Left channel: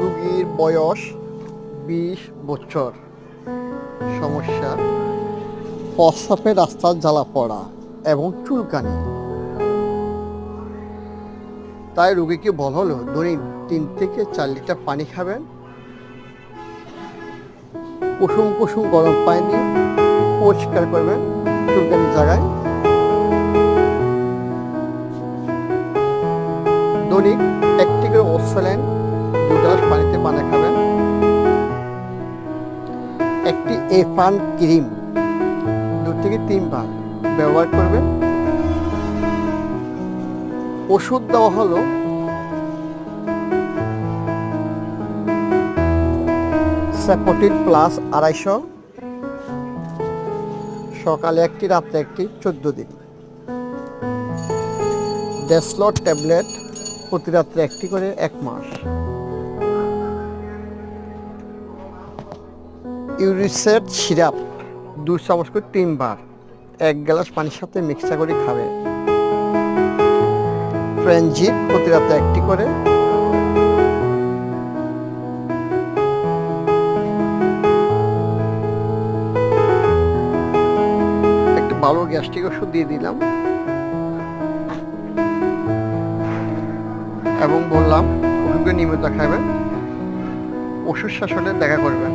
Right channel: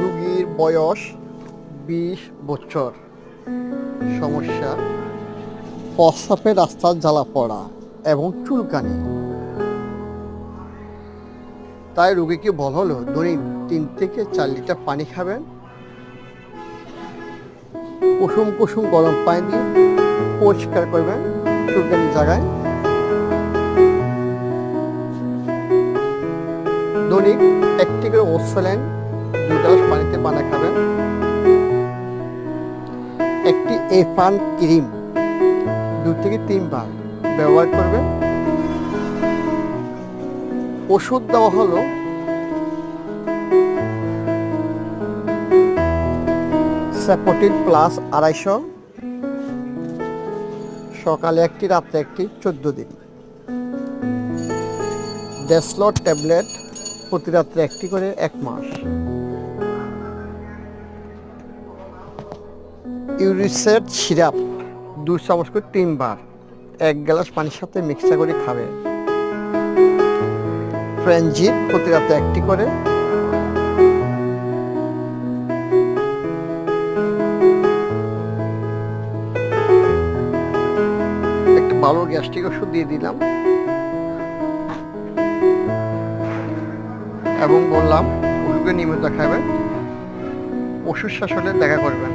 রোগীর বয়স 20 বছর। সমস্যা প্রস্রাবের রাস্তার জ্বালা পড়া এবং চুলকানি। তাই রোগীকে বলা হলো দৈনিক 3 থেকে 4 লিটার পানি খাবেন। কুসুম কুসুম গরম পানি দিয়ে পরিষ্কার করবেন চুলকানির জায়গায়। দৈনিক 1টি করে ওসোল্যান্ড 2 গ্লাস পানিতে বানিয়ে খাবেন। একটি এফান ক্রিম 2 থেকে 3 বার ব্যবহার করবেন। ওষুধ দেওয়া হলো স্যাপোটিল প্লাস 250, সকালে 1টি রাত্রে 1টি 14 দিন। ডেসলট ট্যাবলেট প্রতি রাত্রে 1টি করে 1 মাস। ইউরিসেট সিরাপ 2 চামচ করে 3 বার 1 গ্লাস পানির সাথে মিক্সার করে খাবে। ফ্রেঞ্জিট প্রতি রাতে 1টি করে। একটু ভালো গ্যাস্ট্রিক ওষুধ দিয়ে দিলাম এবং বললাম ওষুধগুলো নিয়মিত খাবেন। ওষুধ শেষ হলে দেখা করবেন।